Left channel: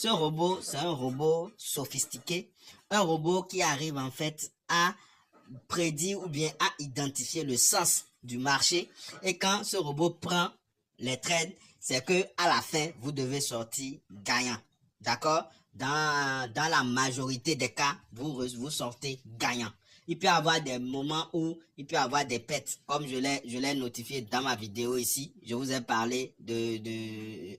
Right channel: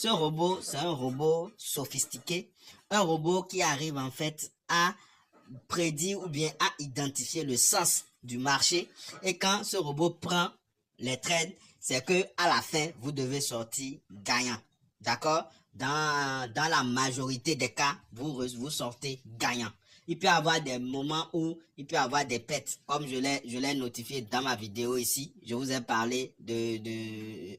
Ce robot, c'est un robot sophistiqué, un robot qui arrive en fait à prédire ou bien à identifier le sens du marché. Et quand ce robot prend les trades, c'est que à la fin, vous devez sortir gagnant. D'accord? Dans la majorité des cas, vous sortez gagnant. Il peut y avoir des moments où il peut y avoir des pertes, comme je l'ai notifié dans ma vidéo ici. Je vous ai parlé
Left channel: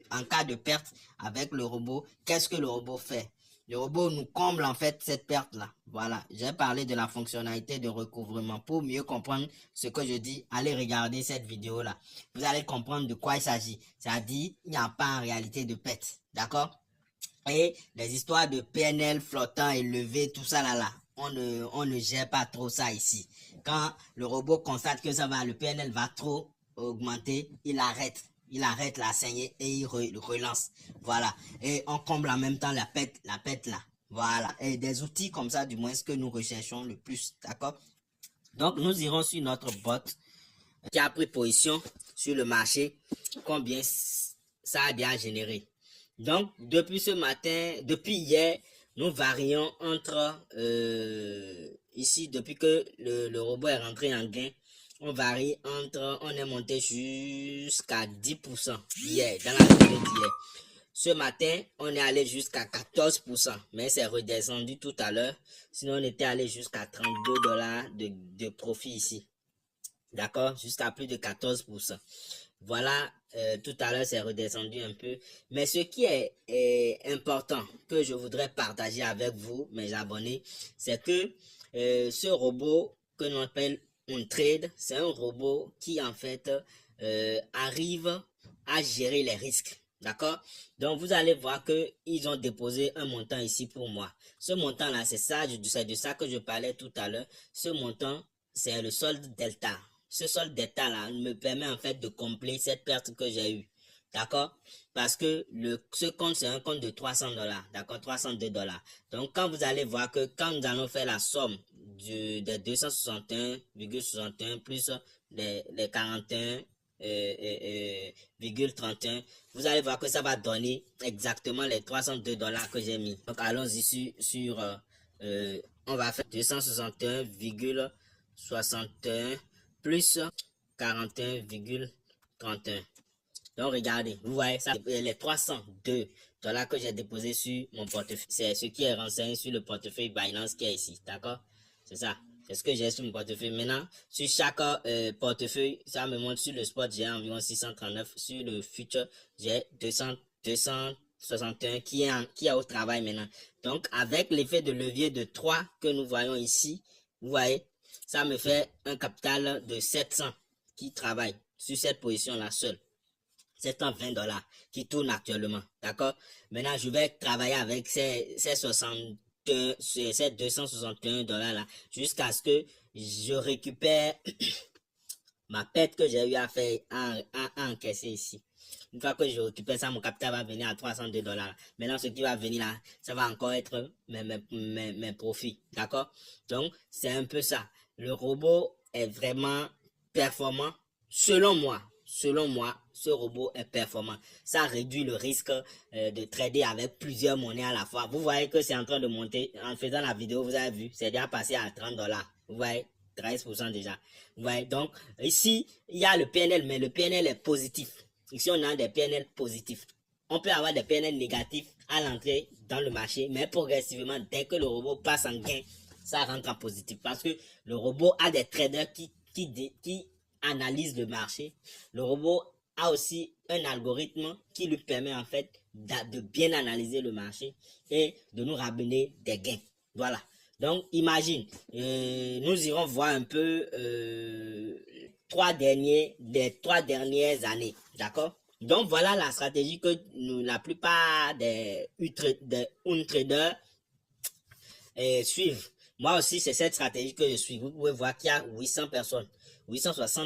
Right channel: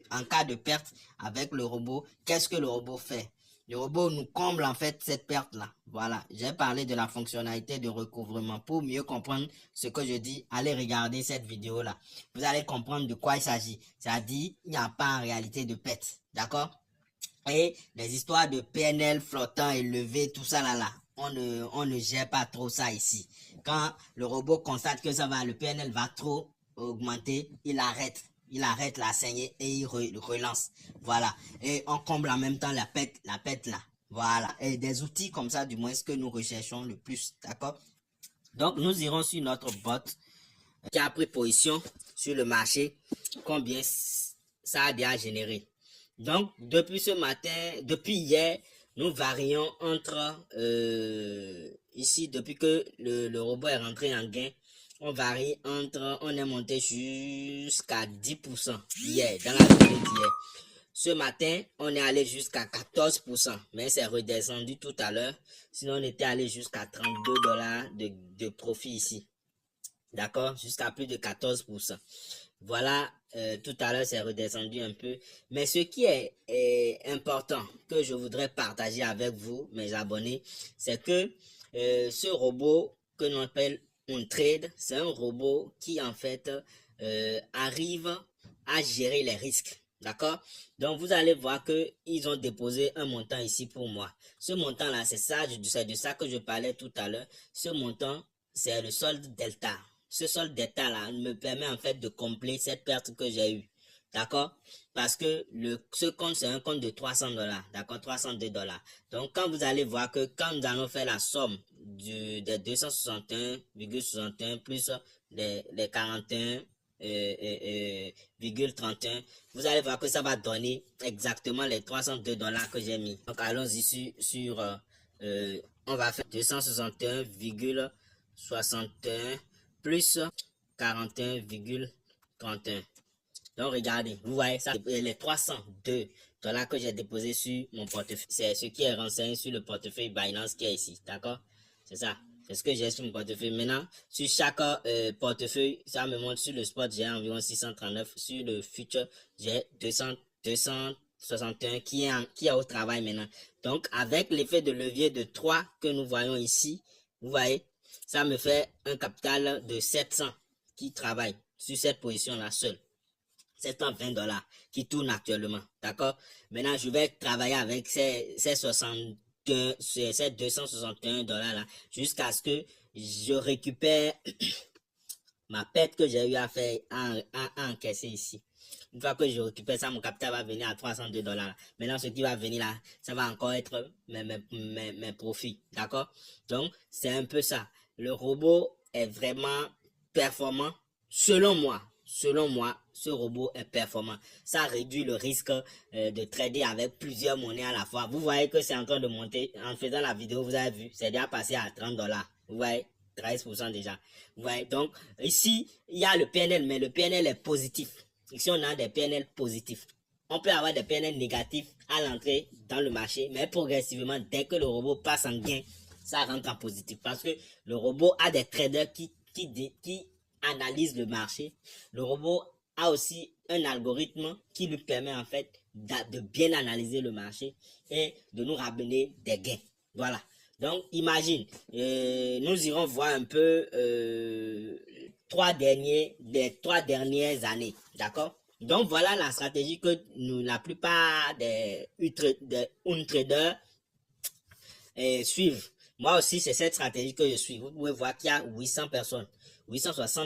en cas de perte avec le robot, qu'est-ce que le robot fait? Le robot nous comble en fait cette perte-là. Voilà, j'ai parlé de la fonctionnalité de recouvrement. Pour mieux comprendre ce que je dis, allez regarder cette vidéo-là. Vous allez comprendre de quoi il s'agit. C'est-à-dire, il n'y a pas en réalité de perte. D'accord? Et les histoires de PNL flottant, élevé, tout ça là, on ne gère pas trop ça ici. Quand le robot constate que ça va, le PNL va trop augmenter, il arrête la saignée et il relance. Voilà. Et on comble en même temps la pète là. Voilà. Et des outils comme ça, du moins, ce que nous recherchons le plus. D'accord? Donc, nous irons sur notre bot qui a pris position sur le marché. Combien ça a bien généré. Donc, depuis ce matin, depuis hier, nous varions entre, ici, depuis que le robot est rentré en gain, on varie entre, on est monté jusqu'à 10% hier, dans la journée d'hier. Ce matin, on est allé jusqu'à 14%, mais c'est redescendu tout à l'heure. Sinon, on était allé jusqu'à 32 $ de profit ici. D'accord? Jusqu'à plus de 14%. Voilà, tout à l'heure, c'est redescendu un peu. Mais ce qui est important que je voudrais partager avec vous, mes abonnés, c'est que ce robot que l'on appelle OnTrade, c'est un robot qui, en fait, arrive à gérer les risques. D'accord? Donc, vous allez voir qu'ils ont déposé un montant ici pour moi. Ce montant-là, c'est de ça que je parlais tout à l'heure. Ce montant, c'est le solde delta. Ce solde delta-là me permet en fait de combler cette perte que j'ai eue. D'accord? Parce que ce compte, c'est un compte de 300 $. D'accord? 302 $. Donc, quand vous allez voir que quand nous allons faire la somme des 261,61 plus les 41,31, vous allez voir que ça va donner exactement les 302 $ que j'ai mis. Donc, allons-y sur on va faire 261,61 plus 41,31. Donc, regardez, vous voyez ça, les 302 $ que j'ai déposé sur mon portefeuille. C'est ce qui est renseigné sur le portefeuille Binance qui est ici, d'accord? C'est ça. C'est ce que j'ai sur mon portefeuille. Maintenant, sur chaque portefeuille, ça me montre sur le spot, j'ai environ 639. Sur le future, j'ai 261 qui est au travail maintenant. Donc, avec l'effet de levier de 3 que nous voyons ici, vous voyez, ça me fait un capital de 700 qui travaille sur cette position-là seule. 720 $ qui tournent actuellement. D'accord? Maintenant, je vais travailler avec ces 261 $ là jusqu'à ce que je récupère ma perte que j'ai eu à faire à encaisser ici. Une fois que je récupère ça, mon capital va venir à 302 $. Maintenant, ce qui va venir là, ça va encore être mes profits. D'accord? Donc, c'est un peu ça. Le robot est vraiment performant. Selon moi, ce robot est performant. Ça réduit le risque de trader avec plusieurs monnaies à la fois. Vous voyez que c'est en train de monter. En faisant la vidéo, vous avez vu, c'est déjà passé à 30 $. Vous voyez? 13% déjà. Vous voyez? Donc, ici, il y a le PNL, mais le PNL est positif. Ici, on a des PNL positifs. On peut avoir des PNL négatifs à l'entrée dans le marché, mais progressivement, dès que le robot passe en gain, ça rentre en positif. Parce que le robot a des traders qui analysent le marché. Le robot a aussi un algorithme qui lui permet en fait de bien analyser le marché et de nous ramener des gains. Voilà. Donc, imagine, nous irons voir un peu les 3 dernières années. D'accord? Donc, voilà la stratégie que la plupart des traders suivent. Moi aussi, c'est cette stratégie que je suis. Vous pouvez voir qu'il y a 860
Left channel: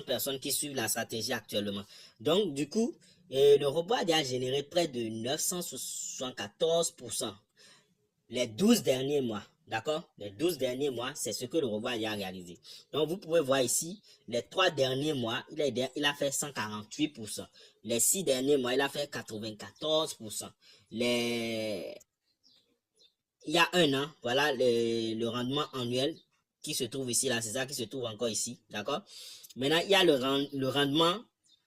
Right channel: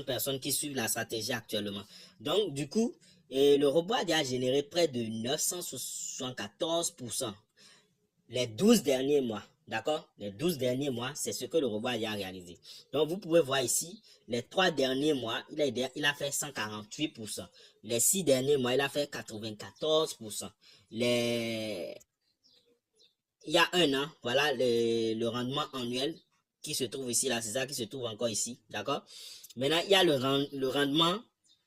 personnes qui suivent la stratégie actuellement. Donc, du coup, le robot a déjà généré près de 974% les 12 derniers mois. D'accord? Les 12 derniers mois, c'est ce que le robot a déjà réalisé. Donc, vous pouvez voir ici, les 3 derniers mois, il a fait 148%. Les 6 derniers mois, il a fait 94%. Les il y a un an, voilà le rendement annuel qui se trouve ici, là, c'est ça qui se trouve encore ici, d'accord? Maintenant, il y a le rendement,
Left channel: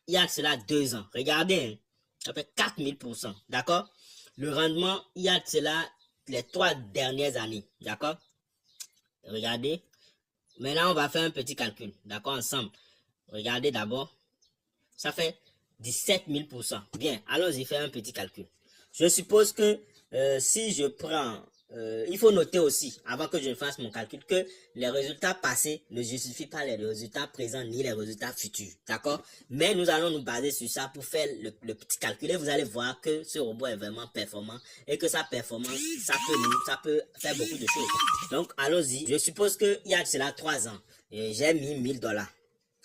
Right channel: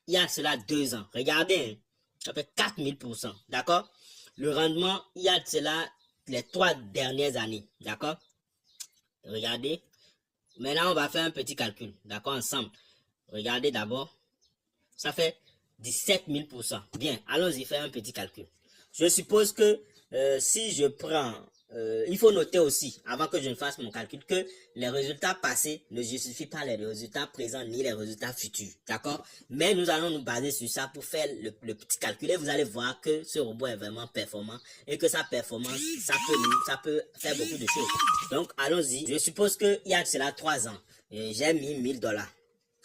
il y a cela 2 ans. Regardez, hein, ça fait 4000%, d'accord? Le rendement, il y a cela les 3 dernières années, d'accord? Regardez. Maintenant, on va faire un petit calcul, d'accord, ensemble. Regardez d'abord. Ça fait 17 000%. Bien, allons-y faire un petit calcul. Je suppose que si je prends... il faut noter aussi, avant que je ne fasse mon calcul, que les résultats passés ne justifient pas les résultats présents ni les résultats futurs. D'accord? Mais nous allons nous baser sur ça pour faire le petit calcul. Et vous allez voir que ce robot est vraiment performant et que sa performance, ça peut faire beaucoup de choses. Donc, allons-y. Je suppose qu'il y a cela 3 ans. J'ai mis 1000 $.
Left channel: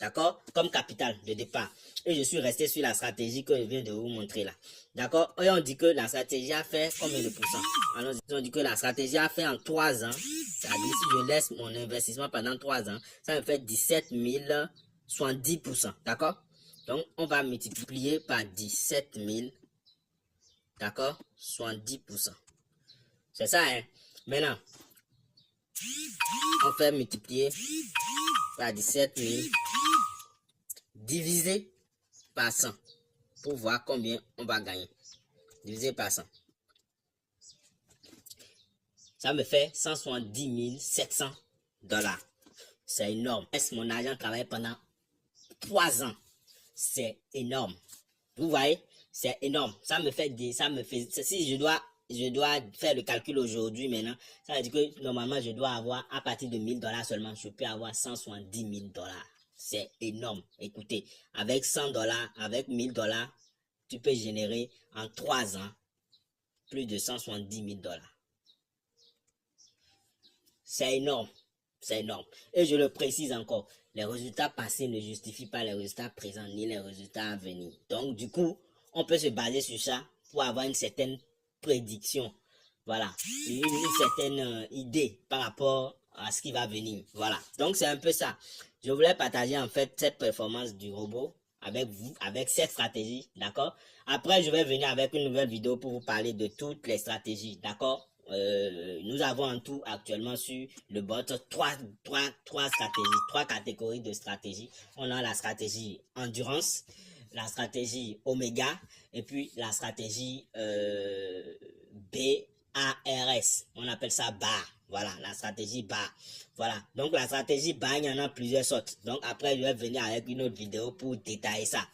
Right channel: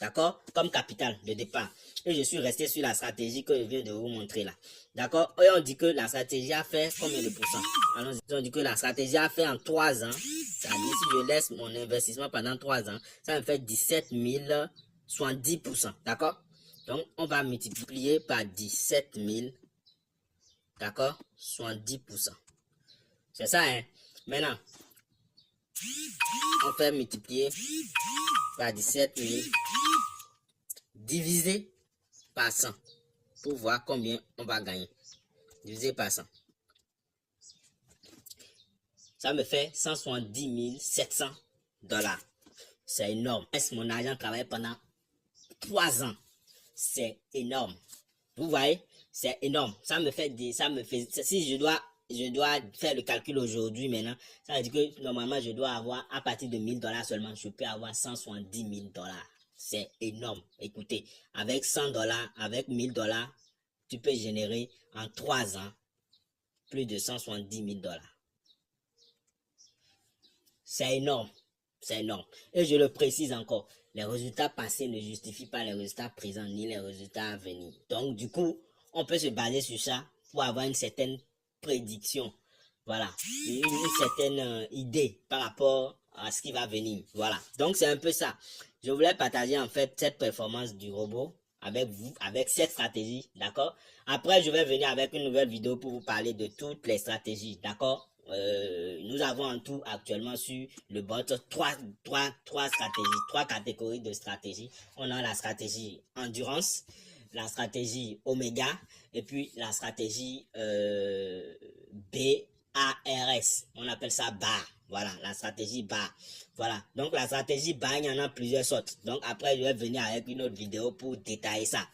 D'accord? Comme capital de départ. Et je suis resté sur la stratégie que je viens de vous montrer là. D'accord? Et on dit que la stratégie a fait combien de pourcents? Alors, on dit que la stratégie a fait en 3 ans. C'est-à-dire, si je laisse mon investissement pendant 3 ans, ça me fait 17 070%. D'accord? Donc, on va multiplier par 17 000. D'accord? 70%. C'est ça, hein? Maintenant, on fait multiplier par 17 000 divisé par 100 pour voir combien on va gagner. Divisé par 100. Ça me fait 170 700 $. C'est énorme. Est-ce mon argent travaille pendant 3 ans? C'est énorme. Vous voyez? C'est énorme. Ça me fait, si je dois faire le calcul aujourd'hui maintenant, ça veut dire que normalement je dois avoir à partir de 1000 $ seulement, je peux avoir 170 000 $. C'est énorme. Écoutez, avec 100 $, avec 1000 $, tu peux générer en 3 ans plus de 170 000 $. C'est énorme. C'est énorme. Et je le précise encore, les résultats passés ne justifient pas les résultats présents ni les résultats à venir. Donc, du coup, on peut se baser sur ça pour avoir une certaine prédiction. Voilà. Une certaine idée par rapport à ce qui va venir. Voilà. Donc, c'est un peu ça. Je voulais partager en fait cette performance du robot avec vous, avec cette stratégie. D'accord? Après, je vais venir avec une nouvelle vidéo pour vous parler de toutes les stratégies. D'accord? Nous avons en tout actuellement sur le bot trois stratégies, 3 catégories de stratégies. On a la stratégie endurance, la stratégie oméga et puis la stratégie BARS. On appelle ça BAR. Voilà, la stratégie BAR. Voilà, donc la stratégie BAR, il y en a plusieurs sortes. Donc après, je vais venir avec une autre vidéo pour détailler ça.